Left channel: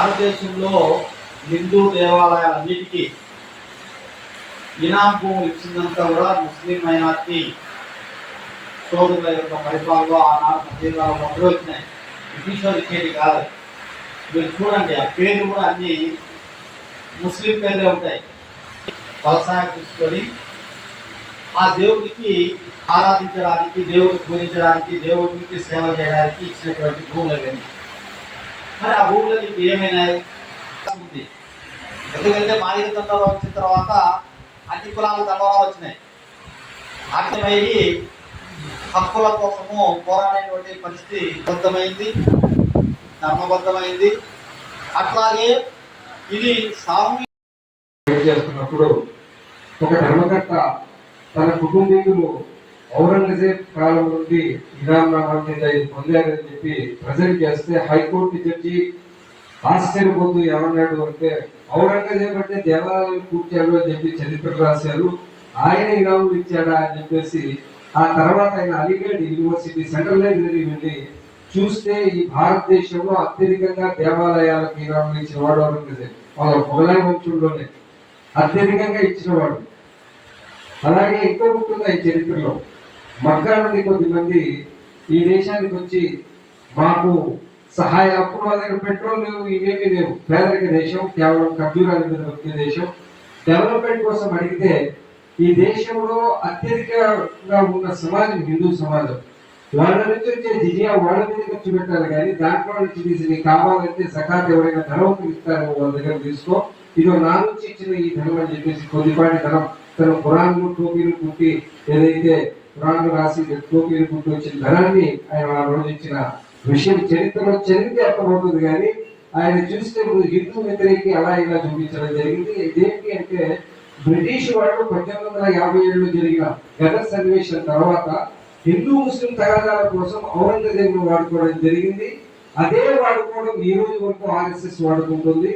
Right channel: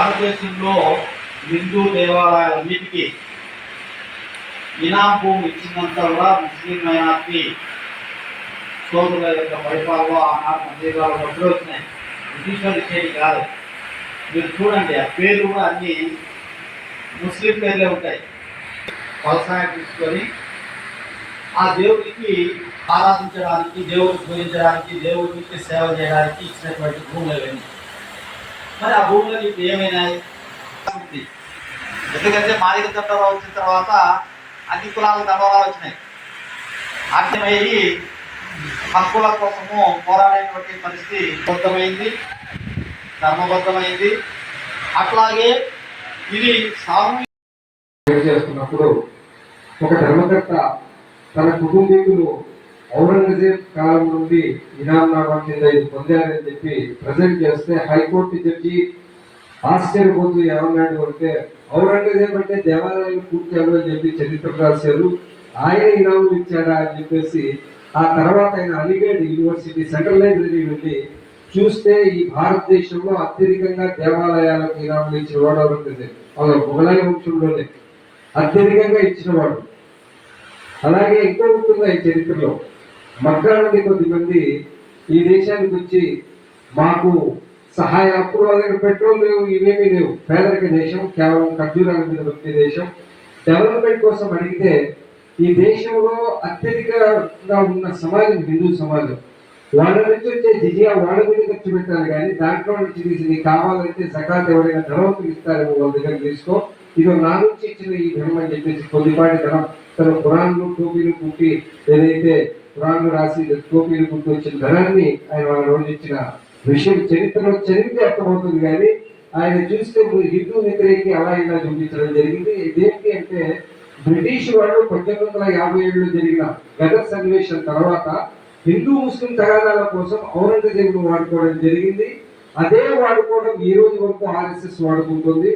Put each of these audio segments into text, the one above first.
భారతదేశంలో హిందూ దేవాలయాలన్నిటికీ ఇనాం భూమి ఇచ్చినంత కూడా ముస్లిం మైనార్టీ సోదరుల యొక్క పరిపాలనలో ఆనాడు మందిరాలు మధ్యలో వచ్చినాయి. బ్రిటిష్ ఇచ్చేది కాదు మీరు చూడండి ఆ పేర్లు కూడా అన్ని ముస్లిం పేర్లే ఉంటాయి. వ్యవసాయం తీసుకొని ఆ దేవుడికి ఆరాధించడానికి దేవుడికి పూజించడానికి దేవుడికి సేవ చేయడానికి ఇచ్చినటువంటి భూములు ఇవన్నీ. మరి ఆ భూములు ఇప్పుడు ఏమైనాయి? ఉంది ఎందుకంటే మాదిక తండ్రి వచ్చిన తర్వాత అన్ని కులాలు దండలు వచ్చినాయి. అర్థమయ్యి హక్కుల కోసము పోరాడేటువంటి పరిస్థితి బద్దమైంది ధర్మబద్ధమైంది. అట్లాగే ఇది సామూహిక చేస్తున్నప్పుడు ఒక ధర్మకర్త తన కుటుంబీకులు ఔరంగజేబ్ కాలం నుండి ఇనాంనామా కింద ఇది పొందారని చెప్పి ప్రజెంట్ చేస్తే హైకోర్టు జడ్జి ఆశ్చర్యపోతూ ఏమన్నాడు అంటే ఔరంగజేబ్ అంటే దేవాలయం కూర్చాడు అని చెప్పి చరిత్ర రాశారు. ఆయన ఇనాములు ఇచ్చాడా అని చెప్పేసి ఆ తర్వాత ఆయన అలీగఢ్ యూనివర్సిటీ సెంట్రల్ లైబ్రరీ వెళ్ళి చూస్తే ఈ భారతదేశంలో అత్యధికంగా దేవాలయాలకు ఇనాములు ఇచ్చిన వాడు ఔరంగజేబ్. అలా మొఘలాయ వంశంలోనే అత్యధికంగా ఇచ్చినవాడు. అలాగే ఎక్కువ ఉంటుంది ఈ చరిత్రలో. మక్కా నుండి కొద్దిమంది ఈ దేశానికి వచ్చి మాకు సహాయ అప్పుడు వాళ్ళ పెట్రోల్ లేవు ఇవేమీ లేవు. పేదరిక దేశం కేవలం ఖర్జూరాల మీద వచ్చే దేశం. డెవలప్మెంట్ కోసం అడిగితే ఈ దేశంలో అత్యధికంగా ఉన్న సమాజం హిందూ సమాజం. వాళ్ళ నుంచి వచ్చే జిజియా వాళ్ళ మీద ఖర్చు పెట్టాలి కానీ దాంట్లో నుంచి తీసి కావాలంటే సకాత్ ఎవరైనా ధనవంతులు ఇస్తారేమో వాళ్ళ దగ్గర తీసుకో. ఇదో నా నుంచి ఇచ్చిన ఈ ధనం అని చెప్పేసి కొద్దిపాటి ధనం తన పురాణాలు టోపీలు కుట్టి ఏదైతే పురాణాలు రాసి టోపీలు వచ్చిన ధనాన్ని ఆయన ఆ రోజు ఇచ్చిన విషయం చరిత్రలో చరిత్ర అర్థమవుతుంది కానీ ఆయన చూస్తే హిందూ వ్యతిరేకి అలా ఇలా చూపించడం జరిగింది. దేనికి అంటే బ్రిటిష్ వాళ్ళు పద్దెనిమిది వందల యాభై ఏడులో జరిగిన గదర్ సన్నివేశం తర్వాత హిందూ ముస్లిం తగాదాల కోసం ఔరంగజేబును వాడుకోవడం జరిగింది. అదే వాడుకోవడం ఈ రోజు వరకు ఆర్ఎస్ఎస్ వాడుకుంటుంది.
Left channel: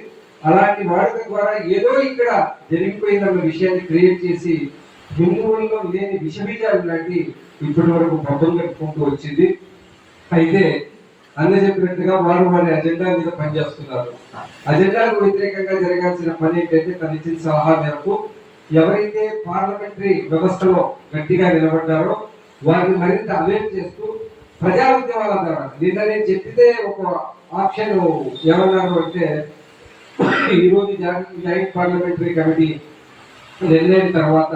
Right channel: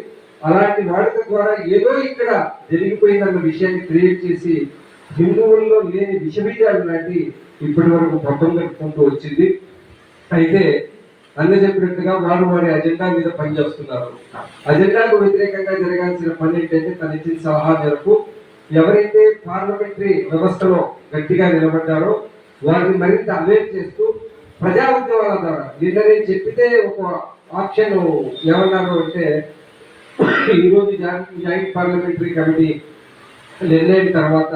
అలాంటి వాడుక ద్వారా ఏదో ఇక్కడ జరిగిపోయిందన్న విషయాన్ని క్రియేట్ చేసి హిందువుల్లో లేని విషబీజాలు లాంటి ఇప్పటి వరకు పబ్బం కట్టుకుంటూ వచ్చింది. అయితే అన్న చెప్పినట్టుగా వారు వారి అజెండా మీద పనిచేస్తున్నారు. అజెండాకు వ్యతిరేకంగా జరగాల్సిన పని ఏంటంటే తను ఇచ్చిన సలహా మేరకు ఎవరైతే పార్లమెంటరీ వ్యవస్థలో గట్టిగా నిలబడ్డారో వారిని మరింత అవేర్ చేస్తూ ప్రజా ఉద్యమాల ద్వారా నిన్న నేను చెప్పితే ఒక ఆప్షన్ ఏమన్నారు అంటే ఈరోజు జాయింట్ పార్లమెంటరీ కమిటీ నిర్ణయం తర్వాత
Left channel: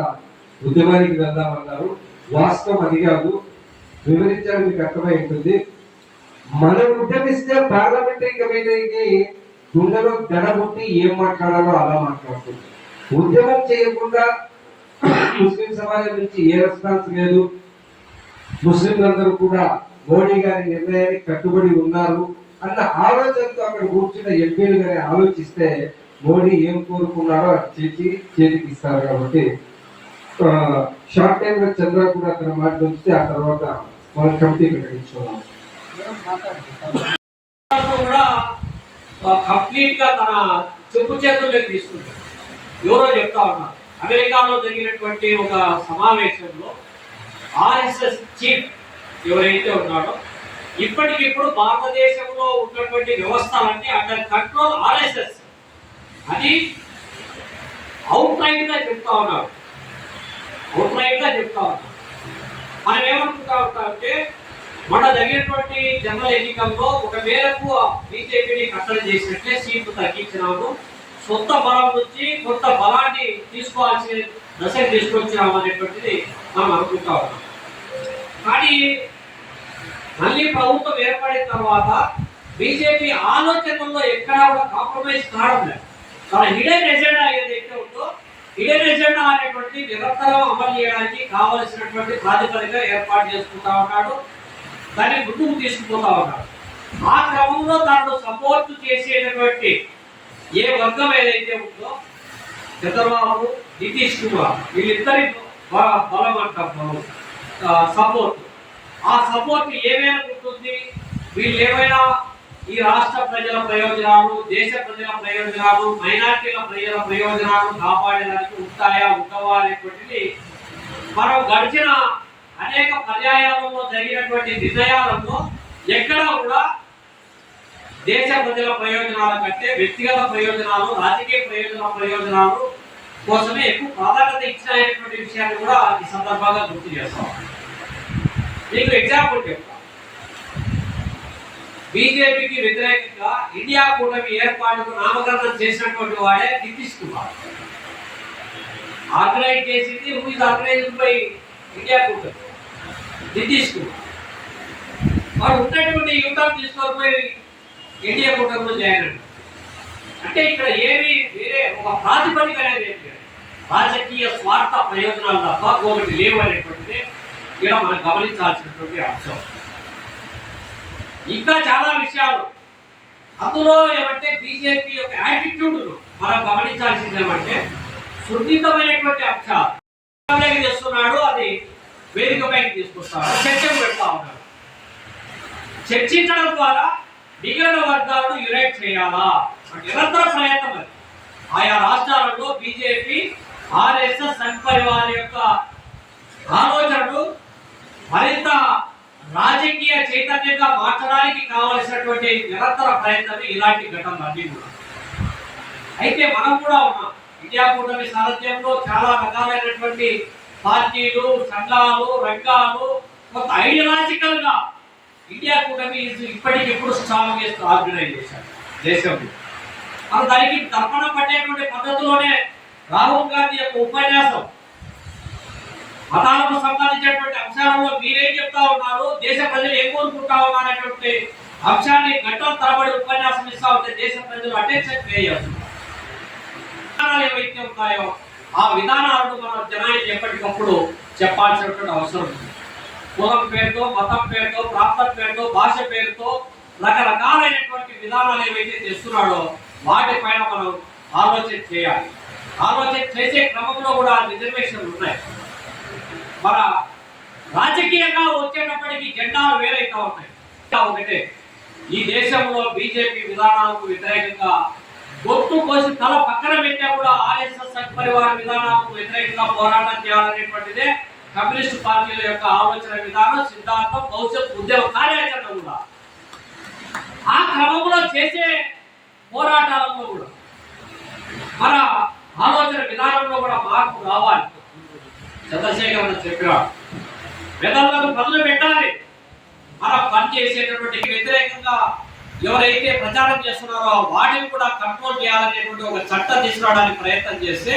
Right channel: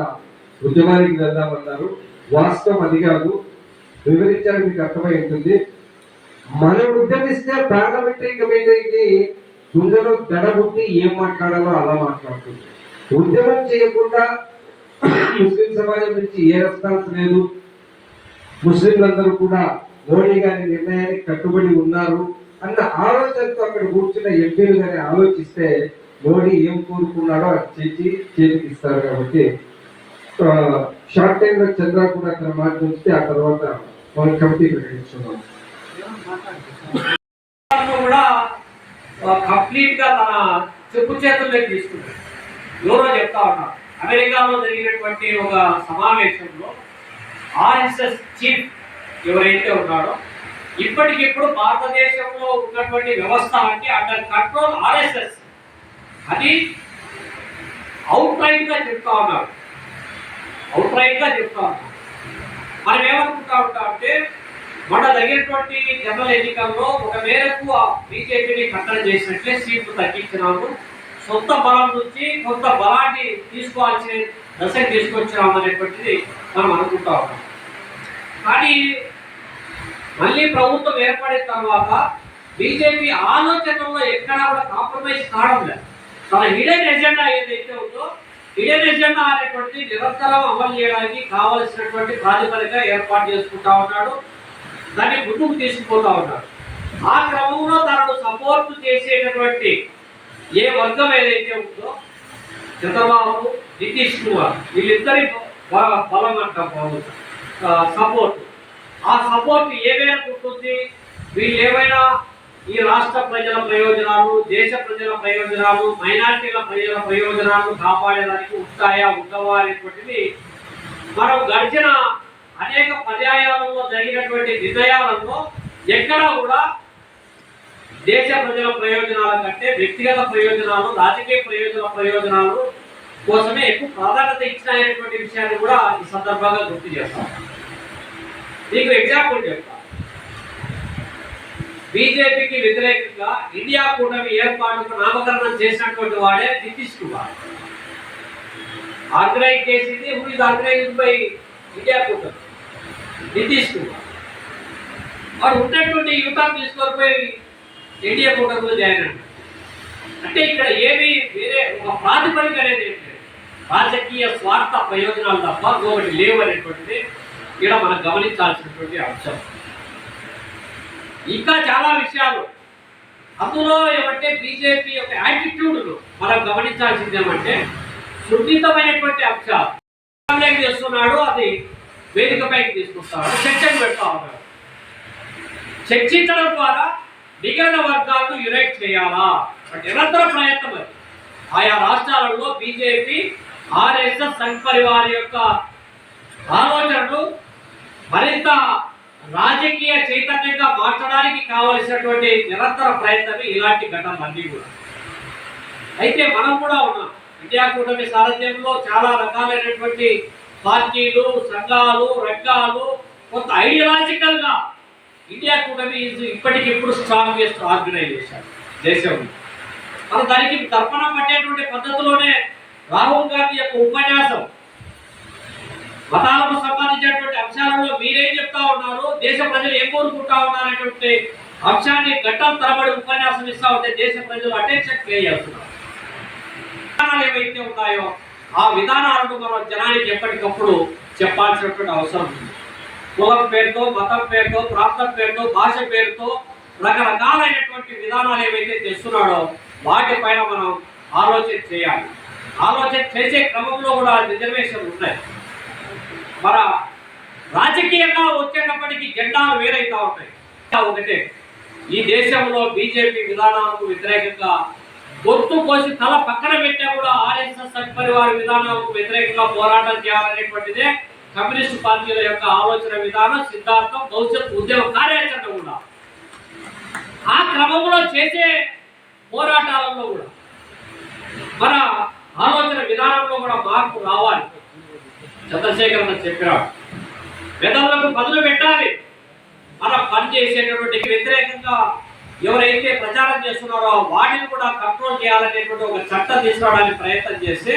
ఉద్యమానికి వెళ్దామన్నారు. వాస్తవం అది కాదు. వివరించడానికి మీకు అర్థమై ఉంటుంది. మనం ఉద్యమిస్తే పార్లమెంటరీ కమిటీకి గుండెలో దడబుట్టి ఏం మాట్లాడాలో అలా మాట్లాడుతుంది. ఉద్యమం చేయకుండా ముస్లిం సమాజం నుంచి ఏ రెస్పాన్స్ లేదు. ముస్లింలందరూ కూడా మోడీ గారి నిర్ణయానికి కట్టుబడి ఉన్నారు అన్న ఆలోచనతో అక్కడ కూర్చున్న ఎంపీలు గారి ఆలోచిస్తే మోడీ ఏం కోరుకున్నారో అది చేసి చేతికి ఇస్తారు కాబట్టి షార్ట్ టైం లో చంద్ర కూడా అతను మాట ఉంచితే ఆ తర్వాత మన కమిటీ ప్రకటించుకున్నాం కూడా కంప్లీట్గా తన చెప్పు చేతుల్లోకి తీసుకుంటాడు. ఎవరో చెప్తా ఉన్నారు. అమెరికాలో జరిగినటువంటి ఒక సమావేశంలో ఆర్ఎస్ఎస్ చీఫ్ ఎవరైతే ఉన్నాడో ఇప్పటికిప్పుడు భారతదేశంలో ఉన్నటువంటి వ్యవస్థ అంటే అండర్ కంట్రోల్ ఆర్ఎస్ఎస్. అది అవుట్ రైట్గా చెప్తా ఉన్నాడు అవుట్గా చెప్తా ఉంటాం మనం ఏమనుకుంటా ఉంటాం అంటే మన జరిగినటువంటి జనరల్ ఎన్నికల్లో ఒక మేరకు బీజేపీని కట్టడి చేసినట్లే సీట్లు తగ్గించినాము. సొంత బలం నుంచి కొంత బలాన్ని తీసుకోవాల్సిన దశకు తీసుకొచ్చినాం అనేటువంటిది మనం అనుకుంటా ఉన్నాం. కానీ మళ్ళీ ప్రభుత్వం ఏర్పడిన తర్వాత బీజేపీ ఆలోచనల్లో ఎక్కడా కూడా కాంప్రమైజ్ కావడం లేదు. చాలా హిడెన్ ఎజెండా ఏదైతే ఉందో హిడెన్ ఎజెండా అనేటువంటిది నిరంతరం అమలు చేయడానికి కావలసినటువంటి ప్రాతిపదిక ఏర్పాటు చేసుకుంటా ఉన్నాడు దాన్ని ముందుకు తీసుకుపోతా ఉన్నాడు. ఆ క్రమంలో తనను సపోర్ట్ చేసేటటువంటి ఏ వర్గం ఏదైతే ఉందో చంద్రబాబు నితీష్ కుమార్ వీళ్ళిద్దరి బలం అంటాం సపోర్ట్ ఆ సపోర్ట్ ఏమైనా ఉంటుంది వీళ్ళు ఏమైనా ఈ రాష్ట్ర ప్రజల ప్రయోజనాలు దేశ ప్రజల ప్రయోజనాలు మైనార్టీల ప్రజల ప్రయోజనాలు కాపాడడానికి ఉంటాయా ఉండవా అనేటువంటిది మనం గడిచిన అనేక పర్యాయాలలో జరిగినటువంటి నిర్ణయాలలో ఎక్కడా కూడా దేశ ప్రజల ప్రయోజనాల కంటే వ్యక్తిగత ప్రయోజనాలు రాజకీయ ప్రయోజన ప్రయోజనాలు కోసమే ఎక్కువ ప్రాధాన్యత ఇచ్చినటువంటి విషయాన్ని కూడా ఈ సందర్భంగా గుర్తు చేస్తాం. మీకు ఎగ్జాంపుల్ చెప్తాను బీజేపీకి వ్యతిరేకంగా ఇండియా కూటమి ఏర్పాటుకు నామకరణం చేసినటువంటి వాడే నితీష్ కుమార్. ఆర్గనైజ్ చేసింది who is organised by India కూటమి? నితీష్ కుమార్. వాడు ఉన్నటువంటి యువతను తీసుకొని ఇండియా కూటమిలో జాయిన్ అంటే ఇక్కడ ఏమి వేరే ఒక ప్రాతిపదిక అనేది రాజకీయ స్వార్థ ప్రయోజనాలు తప్ప ఒకటి లేవు అనేటువంటిది ఇక్కడ మనం గమనించాల్సినటువంటి అంశం. ఇంకా చాలా విషయాలు. అందులో ఏమంటే బీజేపీ యొక్క యాటిట్యూడ్ను మనం గమనించాల్సింది ఏమంటే సున్నితమైనటువంటి అంశాలు. చేస్తున్నాడు అది వేదికపైకి తీసుకొస్తాడు చర్చకు పెడతా ఉన్నాడు. చర్చించడం ద్వారా మిగిలిన వర్గాలను యునైట్ చేయాలా? అంటే నిరంతర ప్రయత్నం అది. ఆయా రాష్ట్రాలలో బీజేపీ ఆర్ఎస్ఎస్ సంఘ్ పరివార్ యొక్క ఆలోచనలు మరింత రాజకీయ చైతన్యంగా మార్చడానికి కావలసినటువంటి నిరంతర ప్రయత్నమే ఇలాంటి ఘటనలన్నీ కూడా. అయితే మనం కూడా ఉన్నాం. ఇండియా కూటమి సారథ్యంలో చాలా రకాలైనటువంటి పార్టీలు సంఘాలు రంగాలు కొంత ఐడియాలజికల్గా ఇండియా కూటమి ఇప్పటికిప్పుడు స్ట్రాంగెస్ట్ ఆర్గనైజేషన్ దేశంలో మనం దానికి తర్పణం పట్టేటువంటి పద్ధతిలోనే రాహుల్ గాంధీ యొక్క ఉపన్యాసం మతాలకు సంబంధించినటువంటి అంశాలలో మీరేం చెప్తా ఉన్నారు? దేశ ప్రజలు ఏం కోరుకుంటా ఉన్నారనేటువంటి అంశాన్ని గంటల తరబడి ఉపన్యాసం ఇస్తా ఉంటే దేశ ప్రజలు అటెన్షన్ పే చేస్తున్నారు. విధానాలు ఏవైతే ఉన్నాయో ఆ విధానాలను మనం జనానికి ఎప్పటికప్పుడు చెప్పాల్సినటువంటి అవసరం ఉంది. కులం పేరుతో మతం పేరుతో ప్రాంతం పేరుతో భాష పేరుతో రకరకాలైనటువంటి విధానాలు ఏవైతే చేస్తున్నాడో వాటిపైన మనం ఆలోచన చేయాలి. ఆలోచన చేసే క్రమంలో కూడా రిజర్వేషన్లు ఉన్నాయి. మన రాజకీయంగా వచ్చేటప్పటికి జెండాలు వేరైతా ఉంటాయి. ఇంకా ఒకటే ఈ దేశంలో బీజేపీ విధానాలకు వ్యతిరేకంగా గొంతు కోసి తల పక్కన పెట్టినా కూడా ఆర్ఎస్ఎస్ సంఘ్ పరివార విధానాలకు వ్యతిరేకంగా పోరాటం చేయాలనేటువంటిదే కమ్యూనిస్ట్ పార్టీల యొక్క ఆలోచన విధానం సిద్ధాంతం భవిష్యత్ ఉద్యమ కార్యాచరణ కూడా. ఆ క్రమంలో చేసే పోరాటాలలో కూడా మన ఆలోచన విధానంలో కూడా మార్పు రావాలి. చంద్రశేఖర్ అన్న చెప్పాడు మెదళ్ళకు పదులు పెట్టాలి. మనం పని చేసేటటువంటి వ్యతిరేకంగా ఎవరైతే ప్రచారం చేస్తున్నారో వాటిని కూడా కంట్రోల్ చేయాలనేటువంటి ఒక చట్టం తీసుకురావడానికి ప్రయత్నం చేస్తే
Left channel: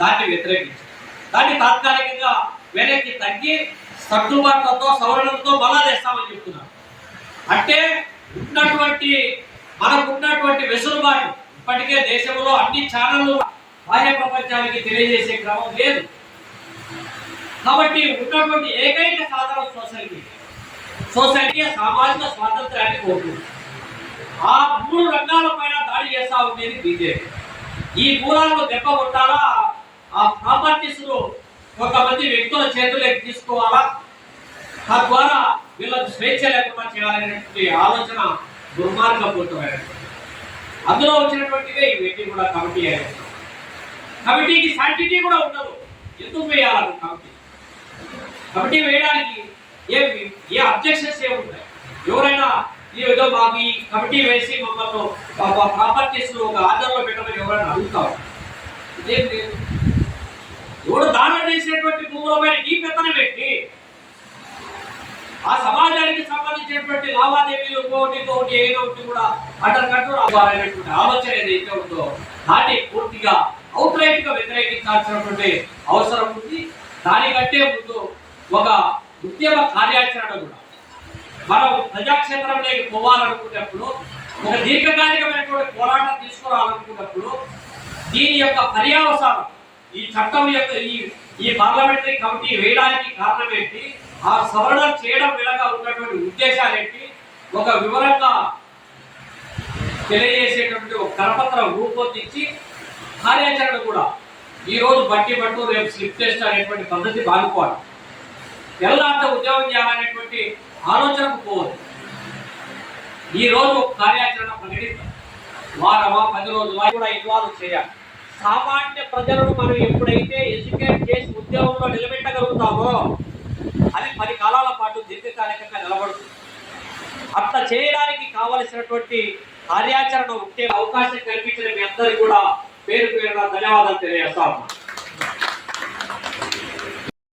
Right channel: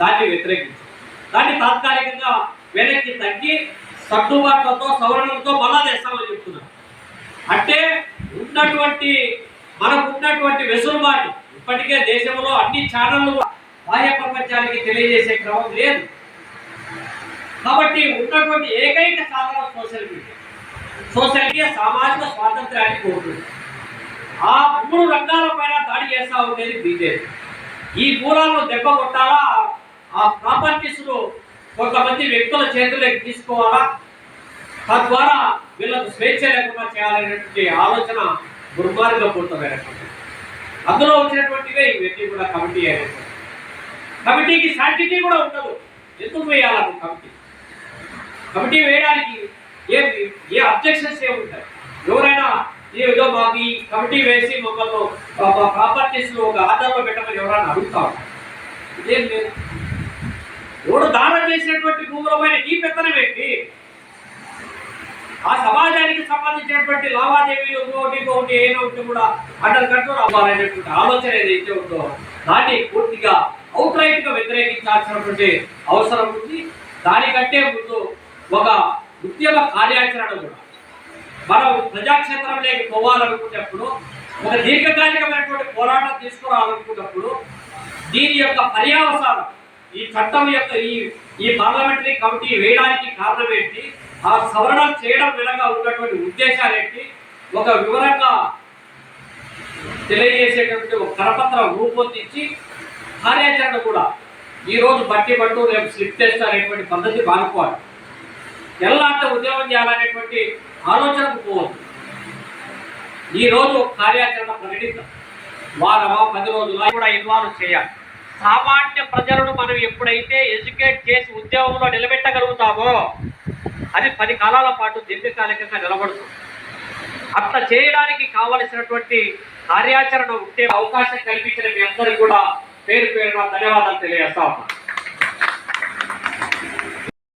దాన్ని వ్యతిరేకించారు దాన్ని తాత్కాలికంగా వెనక్కి తగ్గి సర్దుబాట్లతో సవరణలతో మళ్ళా తెస్తామని చెప్తున్నారు. అంటే ఉన్నటువంటి మనకు ఉన్నటువంటి వెసులుబాటు ఇప్పటికే దేశంలో అన్ని ఛానళ్ళు బాహ్య ప్రపంచానికి తెలియజేసే క్రమం లేదు. కాబట్టి ఉన్నటువంటి ఏకైక సాధనం సోషల్ మీడియా. సోషల్ మీడియా సామాజిక స్వాతంత్రాన్ని కోరుతుంది. ఆ మూడు రంగాల పైన దాడి చేస్తా ఉండేది బీజేపీ. ఈ మూలాలను దెబ్బ కొట్టాలా? ఆ ప్రాపర్టీస్ను కొంతమంది వ్యక్తుల చేతులకు తీసుకోవాలా? తద్వారా వీళ్ళకు స్వేచ్ఛ లేకుండా చేయాలనేటువంటి ఆలోచన దుర్మార్గపూరితమైనటువంటి అందులో వచ్చినటువంటివే ఇవన్నీ కూడా కమిటీ అనేది కమిటీకి శాంటిటీ కూడా ఉండదు. ఎందుకు వేయాలి కమిటీ? కమిటీ వేయడానికి ఏ ఏ అబ్జెక్షన్స్ ఏ ఉంటాయి? ఎవరైనా ఏదో మాకు ఈ కమిటీ వేసి మమ్మల్ని ప్రాపర్టీస్ ఒక ఆధారంలో పెట్టమని ఎవరైనా అడుగుతారు ఇదేం లేదు ఎవడు దానం చేసినటువంటి భూముల నీ పెత్తనం పెట్టి ఆ సమాజానికి సంబంధించినటువంటి లావాదేవీలు ఇంకొకటి ఇంకొకటి ఏదో ఒకటి కూడా అండర్ కంట్రోల్ అవ్వాలనేటువంటి ఆలోచన ఏదైతే ఉందో దాన్ని పూర్తిగా అవుట్ రైట్గా వ్యతిరేకించాల్సినటువంటి అవసరం ఉంది. దానికంటే ముందు ఒక ఉద్యమ కార్యాచరణ కూడా. మనం ప్రజాక్షేత్రంలోకి పోవాలనుకున్నప్పుడు ఒక దీర్ఘకాలికమైనటువంటి పోరాటం తీసుకురావాలనుకున్నప్పుడు దీని యొక్క పర్యావసానం ఈ చట్టం యొక్క ఈ ఈ పార్లమెంటరీ కమిటీ వేయడానికి కారణం ఏంటి ఆ సవరణ చేయడం వెనక ఉన్నటువంటి ఉద్దేశాలు ఏంటి ఒక వివరంగా తెలియజేసేటటువంటి ఒక కరపత్రం రూపొందించి కార్యాచరణ కూడా ఈరోజు బట్టి పట్టు రేపు స్లిప్ టెస్ట్ అనేటువంటి పద్ధతి బాగుకోవాలి ఎల్లాంటి ఉద్యోగం చేయాలనేటువంటి ఆలోచనకు పోవద్దు. ఈ రోజు ఒక కార్యాచరణ ప్రకటిద్దాం. వారమా పది రోజుల కూడా ఇన్వాల్వ్ చేయాలి. సామాన్య ప్రజలను మనం ఎప్పుడైతే ఎడ్యుకేట్ చేసి ఉద్యోగంలో నిలబెట్టగలుగుతామో అది పది కాలాల పాటు దీర్ఘకాలికంగా నిలబడుతుంది. అట్లా చేయడానికి కావలసినటువంటి కార్యాచరణ ఉంటే అవకాశం కల్పించిన మీ అందరికీ కూడా పేరు పేరున ధన్యవాదాలు తెలియజేస్తా